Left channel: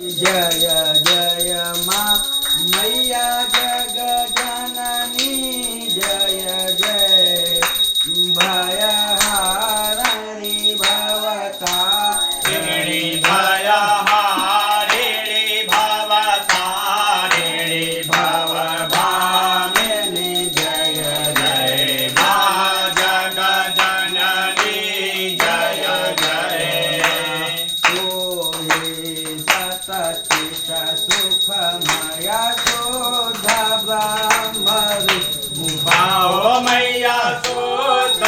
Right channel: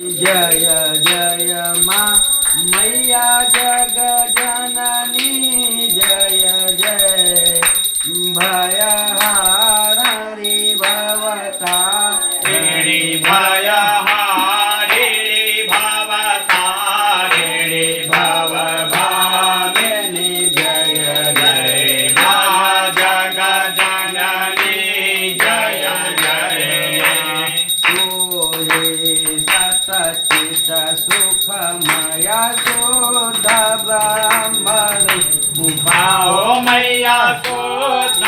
जय जय माँ मैया जग जननी जय जय भयहारिणी भवता ऋणी भयहारिणी भवतारिणी भव भामिनी जय जय मा जग जननी जय जय तोहे सतचित सुखमया शोध ब्रह्म आओ मैया शुद्ध